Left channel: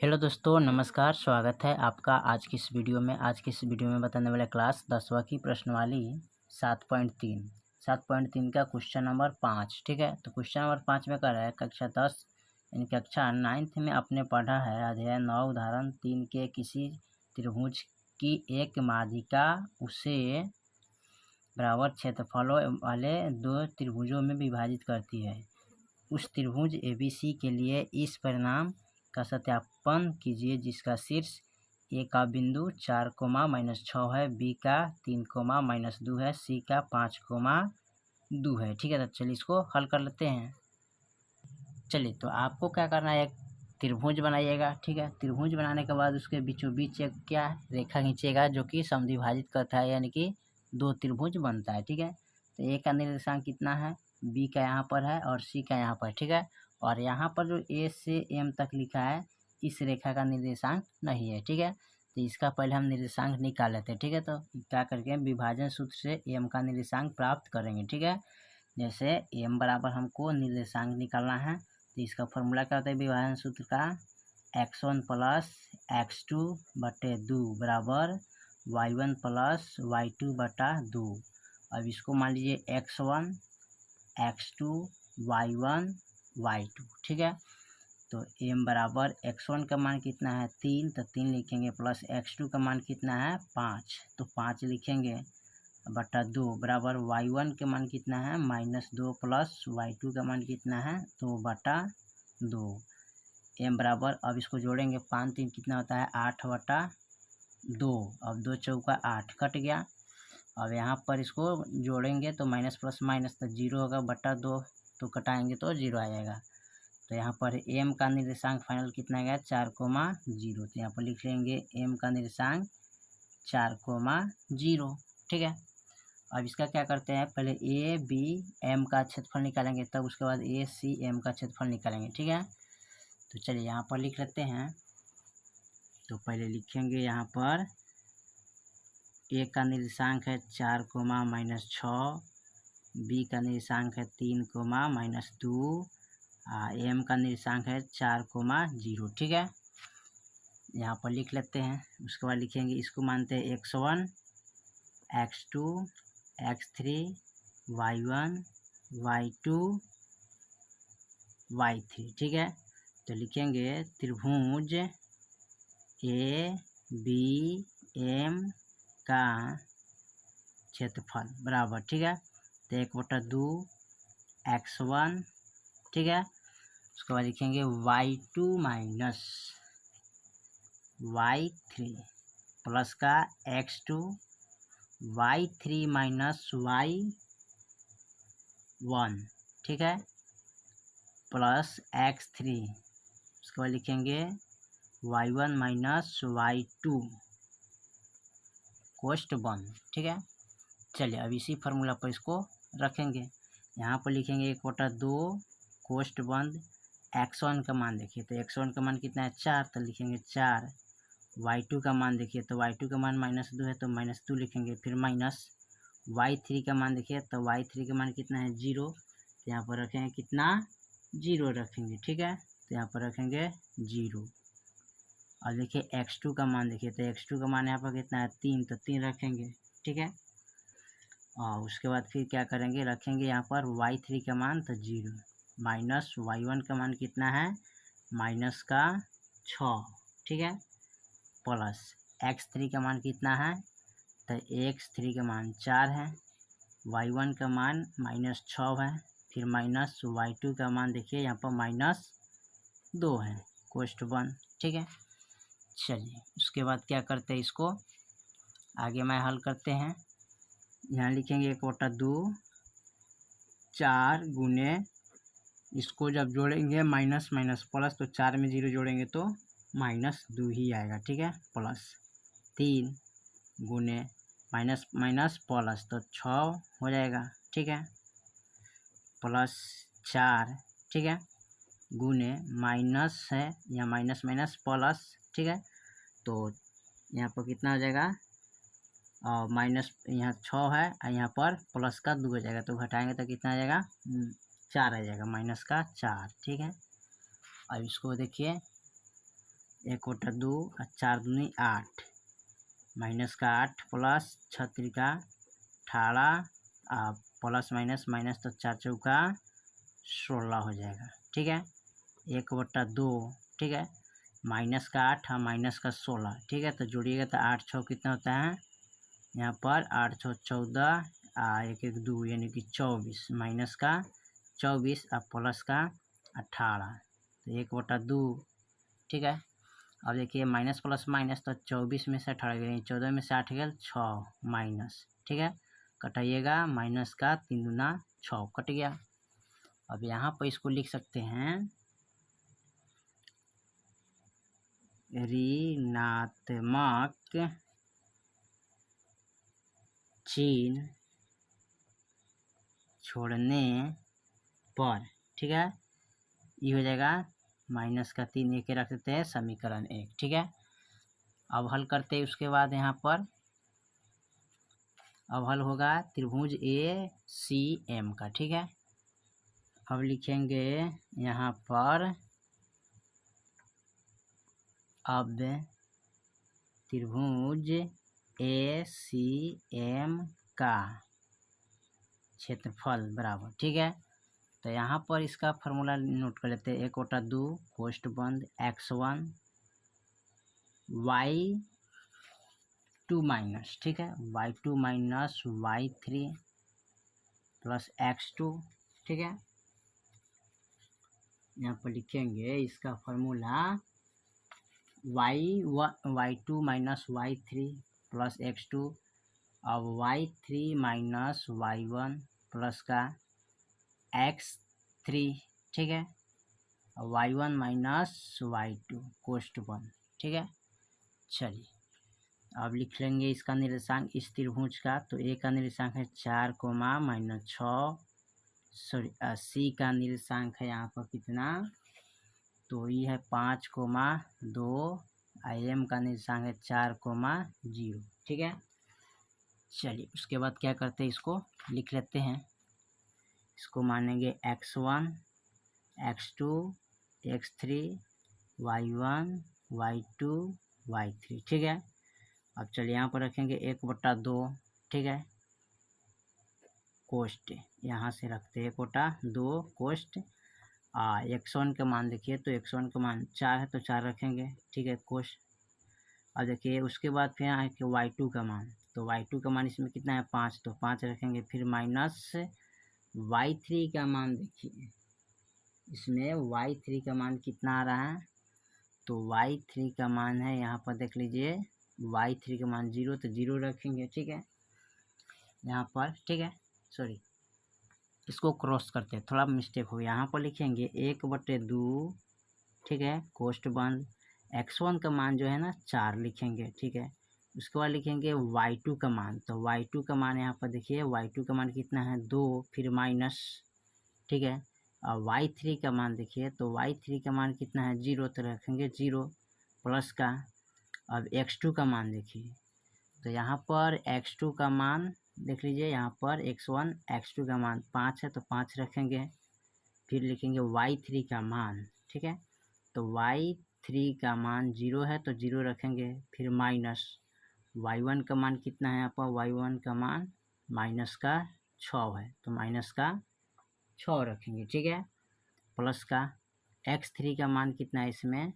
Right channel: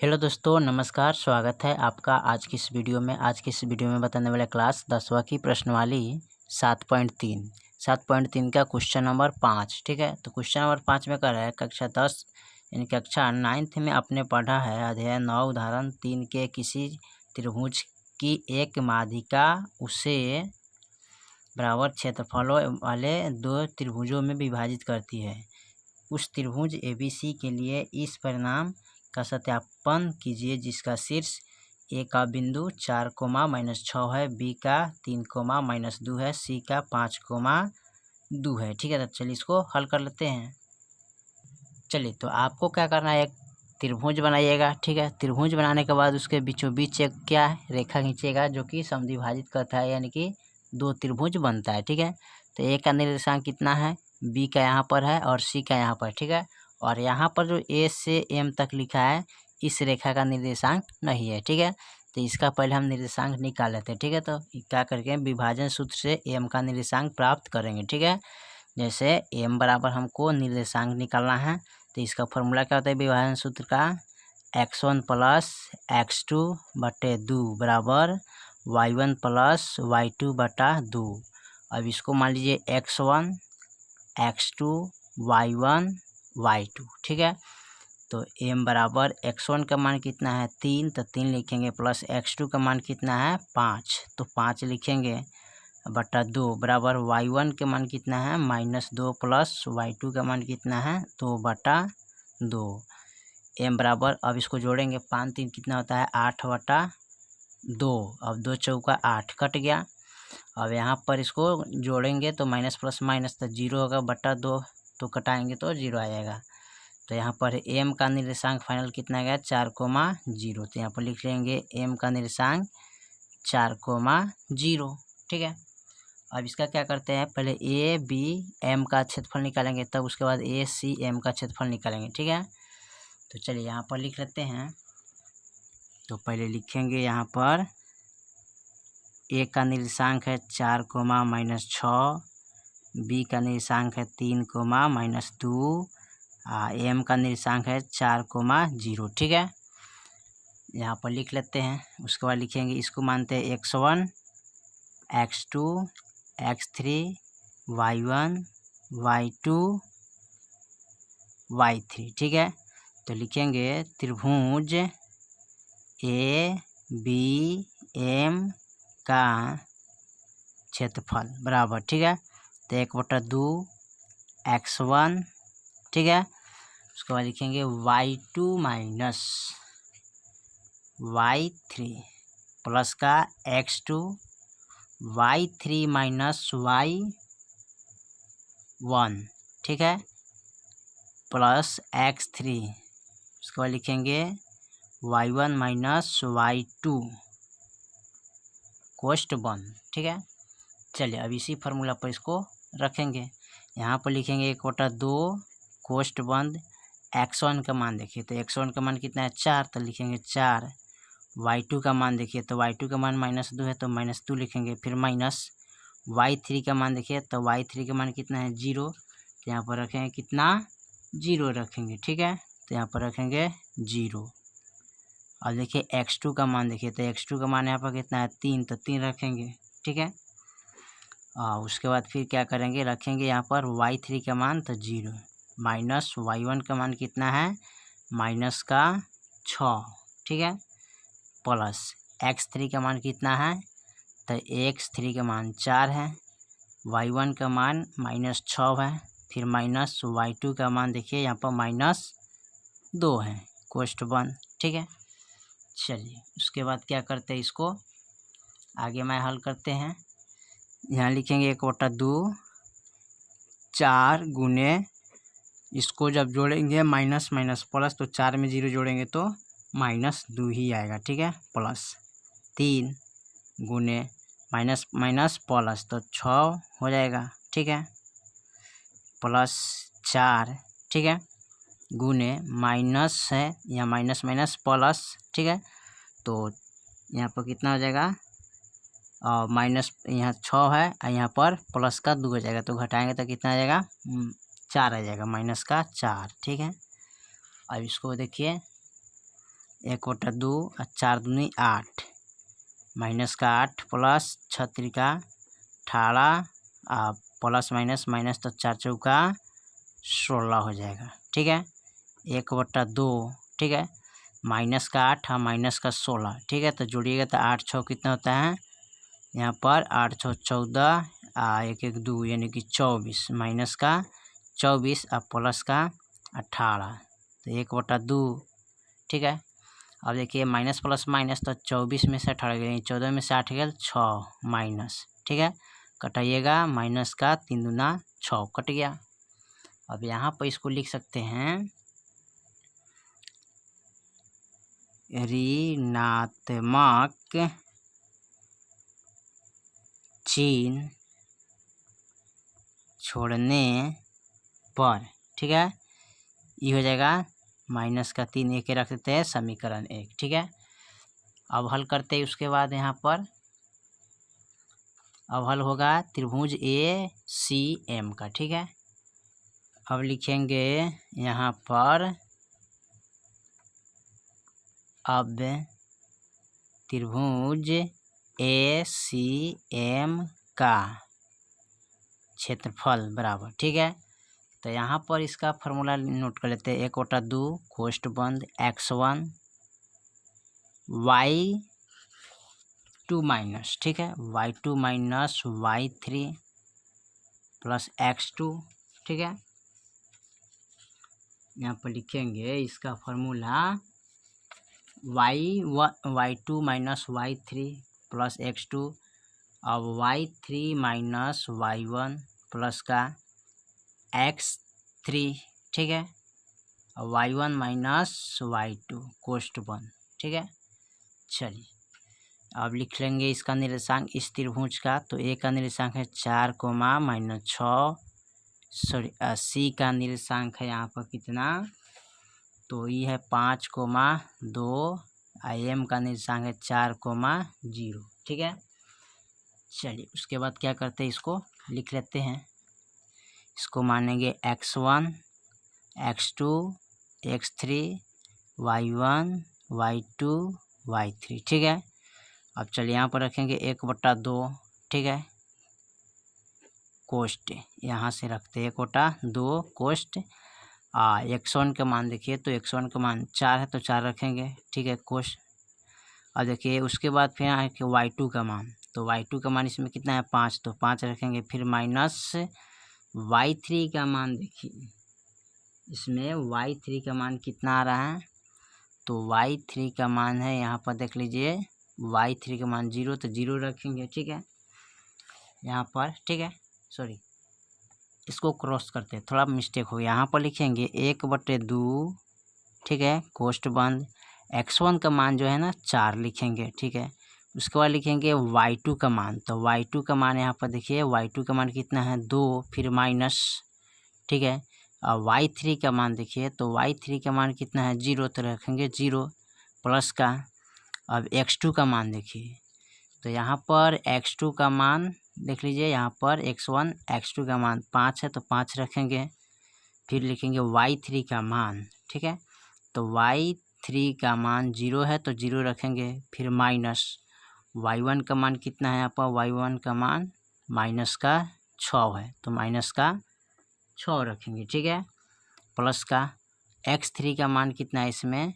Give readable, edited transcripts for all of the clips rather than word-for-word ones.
Hello दोस्तों, नमस्कार। स्वागत है आपका आज की इस वीडियो में। आज की इस वीडियो में बताने वाला क्लास 10वां की प्रश्नवाली 7.3 का क्वेश्चन नंबर 5। ठीक है, तो क्वेश्चन नंबर 5 में कह रहा है कक्षा 10 यानी कक्षा 9th में आपने पढ़ा है अध्याय 9 उदाहरण 3 के किसी त्रिभुज की एक माध्यिका उसे बराबर क्षेत्रफलों वाले दो त्रिभुजों में विभाजित करती है। उस त्रिभुज ABC के लिए इस परिणाम का सत्यापन कीजिए जिसका शीर्ष ए का बिंदु 4, -6 है, बी का 3, -2 है, सी का 5, 2 है। ठीक है, तो चलिए इसको हल कर लेते हैं। चलिए, तो आपको क्या करना है, एक त्रिभुज बनाइएगा। ठीक है, त्रिभुज बनाने के बाद उसके बीचों बीच एक क्या है, रेखा खींचिएगा जो कि समद्विभाजित करता है, यानी कि दो त्रिभुज बनता है। ठीक है, तो ए का निर्देशांक कितना है, बी का यहाँ पर है और सी का यहाँ पर। ठीक है, और यहाँ पर जो ए से एम तक लिखा है इस रेखा का निर्देशांक नहीं है। ठीक है, तो इसका पहले हम निर्देशांक निकाल लेते हैं। ठीक है, तो क्या करके विभाजन सूत्र से एम का निर्देशांक प्राप्त करेंगे। ठीक है, जैसे एम बराबर हमको निर्देशांक निकालना है, तो इसका फॉर्मूला क्या होता है विभाजन सूत्र का, x1 + x2 बटे 2 बराबर y1 + y2 बटा 2। अब इसको मान लीजिए x1 x2 y1 y2। ठीक है, तो m बराबर x1 का मान कितना है 3, तो 3 लिखेंगे, प्लस x2 का मान कितना है 5, तो 5 लिखेंगे, बटा 2 बराबर y1 के मान कितना है -2 प्लस y2 का मान कितना है 2 बटा 2। m बराबर, अब इसको जोड़ेंगे, 5 3 कितना होता है 8 बटा 2। अब 2 चौका 8 कट गया। अब यहाँ पर इसको जोड़ेंगे तो माइनस प्लस माइनस तो 0 होगा, बटा 2 तो कटाएंगे तो 0 आ जाएगा। तो यहाँ पर m का निर्देशांक फाइनल कितना गया 4, 0। तो यहाँ पर लिख लेंगे m का निर्देशांक 4, 0। ठीक है, अब इसका क्या करते हैं, पहले ए बी एम का क्षेत्रफल निकालेंगे, तब उसके बाद ए सी एम का क्षेत्रफल निकालेंगे। ठीक है, तो चलिए यहाँ पर लिख लेते हैं। तो पहले लिखेंगे यहाँ पर ए का निर्देशांक है 4, -6, बी का निर्देशांक है 3, -2, एम का निर्देशांक है 4, 0। ठीक है, यहाँ पर लिख लेते हैं। उसके बाद लिखेंगे, इसको मानते हैं x1 x2 x3 y1 y2 y3। ठीक है, तो लिखेंगे त्रिभुज ए बी एम का क्षेत्रफल बराबर। ठीक है, तो 1/2 x1। ठीक है, उसके बाद लिखेंगे y2 माइनस y3 प्लस का x2 y3 माइनस y1। ठीक है, प्लस x3। उसके बाद लिखेंगे y1 माइनस y2 कोष्ट बंद। ठीक है, चलिए अब इसी फार्मूला पर इसको रखेंगे। यहाँ पर लिखेंगे 1/2 कोष्ट बंद, x1 का मान देखिए, तो x1 का मान कितना है 4, तो लिखेंगे 4। y2 का मान देखिए, तो y2 का मान -2 है, तो -2 लिखेंगे, फिर माइनस y3 का मान देखिए, तो y3 का मान कितना है 0, तो यहाँ पर रखेंगे कितना 0 रखेंगे। ठीक है, तो यहाँ पर रखेंगे 0। और देखिए x2 का मान देखिए, तो x2 का मान यहाँ पर कितना है 3, तो 3 रखेंगे। ठीक है, उसके बाद फिर क्या करेंगे, रखेंगे यहाँ पर y3 का मान तो 0, माइनस y1 का मान कितना है -6। ठीक है, प्लस x3 का मान कितना है, तो x3 का मान 4 है, y1 का मान -6 है, फिर माइनस y2 का मान देखिए यहाँ पर -2 है, कोष्ट बंद। ठीक है, चलिए उसके बाद क्या करते हैं, इसको आगे मैं हल करते हैं। यहाँ लिखेंगे 1/2 4 गुने, इसको जब जोड़ेंगे माइनस माइनस प्लस, तो 4 में 0 जोड़ेंगे तो -2 ही आएगा। ठीक है, प्लस 3 गुने माइनस माइनस प्लस, तो 6 हो जाएगा। ठीक है, प्लस 4। ठीक है, गुने माइनस है, यहाँ माइनस माइनस प्लस। ठीक है, तो यहाँ पर कितना हो जाएगा, माइनस यहाँ 6 है और यहाँ पर प्लस का 2 हो जाएगा, तो घटाएंगे तो कितना आ जाएगा 4 आ जाएगा, -4। ठीक है, अब इसको देखिए, 1 बटा 2 और 4 दूनी 8 माइनस का 8 प्लस 6 त्रिका 18 प्लस माइनस तो 4 चौका 16 हो जाएगा। ठीक है, 1 बटा 2, ठीक है, माइनस का 8 और माइनस का 16, ठीक है, तो जोड़िएगा तो 8 6 कितना होता है यहाँ पर, 8 6 14 1 1 2 यानी कि 24 माइनस का 24 और प्लस का 18 तो 1 बटा 2। ठीक है, अब देखिए माइनस प्लस माइनस तो 24 में से 18 गया, 14 में से 8 गया 6 माइनस, ठीक है, कटाइएगा माइनस का 3 दूना 6 कट गया। अब यहाँ पर इसको लिख सकते हैं ऋणात्मक चिन्ह छोड़ने पर, ठीक है, ये हो जाएगा माइनस का 3 एक रख देते हैं समीकरण 1। ठीक है, अब हल करते हैं उसके बाद यहाँ पर अब हल होगा त्रिभुज ACM का। ठीक है, अब लिखेंगे यहाँ पर अब त्रिभुज ACM का क्षेत्रफल बराबर, ठीक है, तो यहाँ पर इसका फॉर्मूला नोट कर लेते हैं। 1 बटा 2 कोष्ठ बंद x1 y2 माइनस, ठीक है, y2 minus y3 plus x2, ठीक है, यहाँ पर लिखेंगे इसका formula y2 minus y3 plus x2, अब y3 माइनस y1 प्लस का x3, ठीक है, और y1 माइनस y2 कोष्ठ बंद। ठीक है, चलिए अब लिख लेंगे इसका निर्देशांक इस त्रिभुज का। तो ए का निर्देशांक है 4 कोमा माइनस 6, सॉरी सी का निर्देशांक है यहाँ पर कितना, तो ये है 5 कोमा 2, एम का निर्देशांक है 4 कोमा 0। ठीक है, चलिए उसके बाद क्या करते हैं, इसको लिख लेते हैं। इसको मानेंगे x1 x2 x3 y1 y2 y3। ठीक है, अब चलिए यहाँ पर रखेंगे 1 बटा 2, ठीक है, कोष्ठ यहाँ से रखते हैं 1 बटा 2 कोष्ठ x1 का मान देखिए, तो x1 का मान 4 है तो 4 रखेंगे, ठीक है, कोष्ठ। और देखिए उसके बाद फिर यहाँ कि y2 का मान, तो y2 का मान इसमें कितना है 5, तो 5 रखेंगे, फिर माइनस y3 का मान देखिए, इसमें y3 का मान कितना आ रहा है, तो y3 का मान है यहाँ पर देख लीजिए, y3 का मान 0, तो 0 रखेंगे। ठीक है, यहाँ पर, ठीक है, सॉरी इसको क्रॉस करते हैं, थोड़ा मिस्टेक हो गया, यहाँ पर लिखेंगे 1 बटे 2, ठीक है, कोष्ठ बंद x1 का मान जो है ना 4 लिखेंगे। ठीक है, उसके बाद लिखेंगे y2 का मान, तो y2 का मान यहाँ पर देखिए y2 का मान कितना है 2, फिर माइनस, ठीक है, और y3 का मान देखिए, तो y3 का मान कितना है 0, तो रखेंगे 0 प्लस का। अब x2 का मान देखिए, तो यहाँ पर x2 का मान देख लीजिए, यहाँ पर x1 x2 का मान 5 है तो 5 रखेंगे, फिर लिखेंगे y3 का मान, ठीक है, तो y3 का मान 0 है तो 0 रखेंगे, फिर माइनस y1 का मान कितना है यहाँ पर, y1 का मान माइनस का 6 है तो माइनस का 6 रखेंगे। ठीक है, प्लस का x3 का मान कितना है इसमें,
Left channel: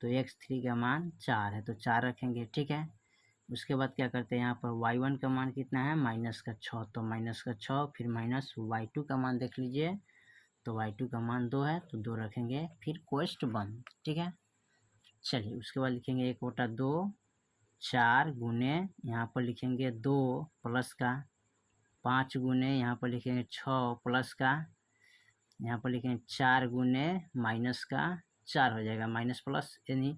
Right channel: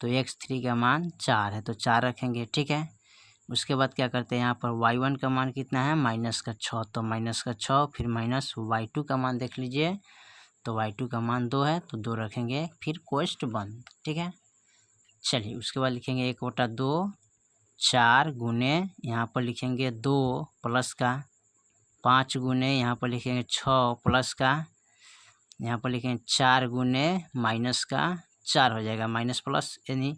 तो x3 का मान 4 है तो 4 रखेंगे। ठीक है, उसके बाद क्या करते हैं, यहाँ पर y1 का मान कितना है माइनस का 6, तो माइनस का 6, फिर माइनस y2 का मान देख लीजिए, तो y2 का मान 2 है तो 2 रखेंगे, फिर कोष्ठ बंद। ठीक है, चलिए उसके बाद लिखेंगे 1 बटा 2 4 गुने यहाँ पर लिखेंगे 2 प्लस का 5 गुने यहाँ पर लिखेंगे 6 प्लस का यहाँ पर लिखेंगे 4 गुने माइनस का 4 हो जाएगा, माइनस प्लस यानी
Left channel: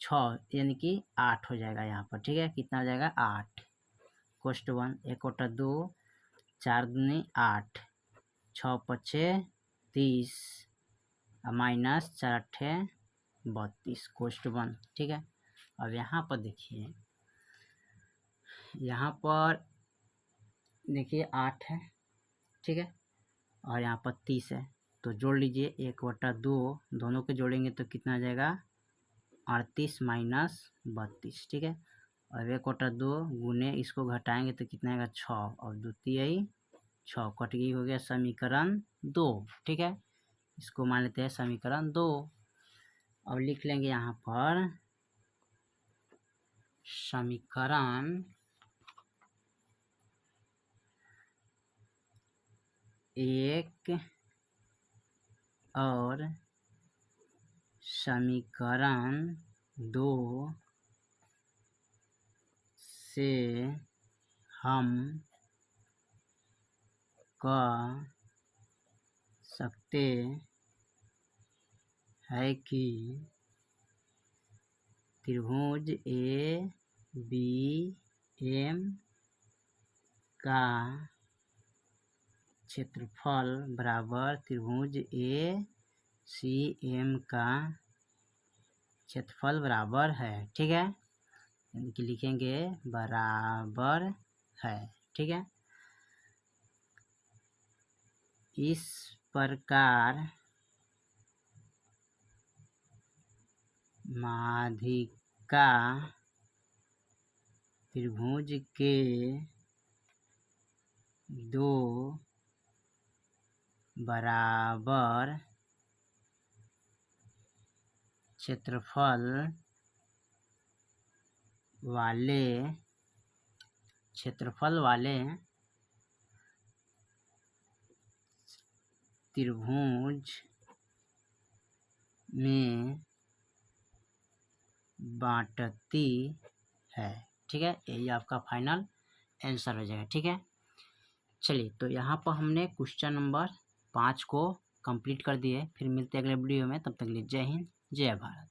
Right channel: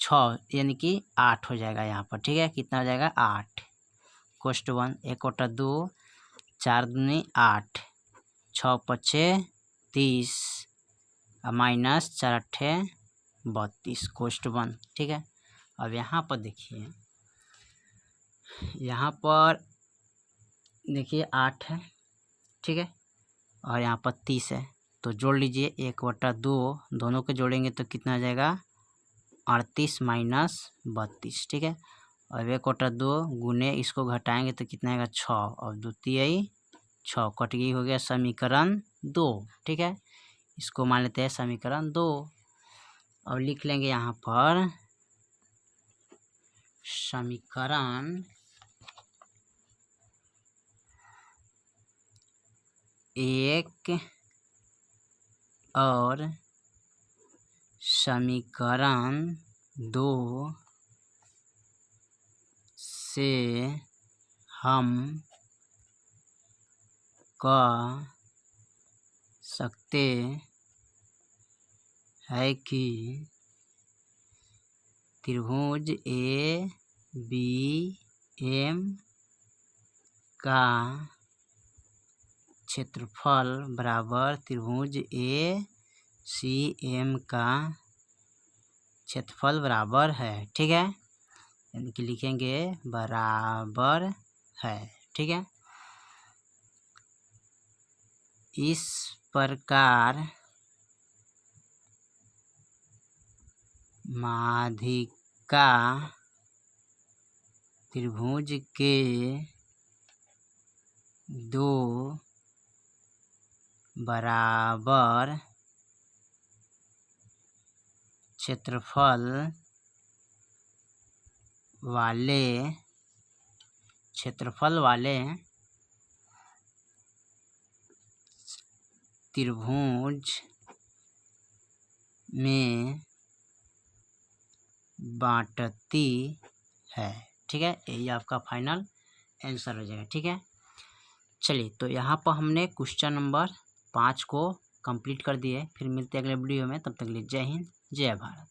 6 यानी कि 8 हो जाएगा यहाँ पर। ठीक है, कितना हो जाएगा 8 कोष्ठ बंद 1 बटा 2 4 दूनी 8 6 पचे 30 माइनस 4 अट्ठे 32 कोष्ठ बंद। ठीक है, अब यहाँ पर देखिए, यहाँ पर देखिए 8 है, ठीक है, और यहाँ पर 30 है, तो जोड़ लीजिए 1 बटा 2 दोनों को जोड़ेंगे तो कितना आ जाएगा 38 माइनस 32, ठीक है। अब 1 बटा 2 गुने इसको घटाएंगे तो कितना आएगा 6, और 2 तिहाई 6 कट गई, हो गया समीकरण 2, ठीक है। इसको मान लेते हैं समीकरण 2। अब लिख लेंगे यहाँ पर समीकरण 1 और समीकरण 2 से हम कह सकते हैं कि त्रिभुज ए बी एम का क्षेत्रफल बराबर त्रिभुज ए सी एम का क्षेत्रफल बराबर है, ठीक है। यानी कि लिखेंगे बराबर है, ठीक है। इस प्रकार माध्यिका त्रिभुज के दो बराबर क्षेत्रफल वाले त्रिभुज में बांटती है, ठीक है। यही आपका फाइनल आंसर हो जाएगा, ठीक है। चलिए, तो यहाँ पर हमने क्वेश्चन नंबर 5 को कंप्लीट कर दिए। फिर मिलते हैं अगले वीडियो में, तब तक के लिए जय हिंद जय भारत।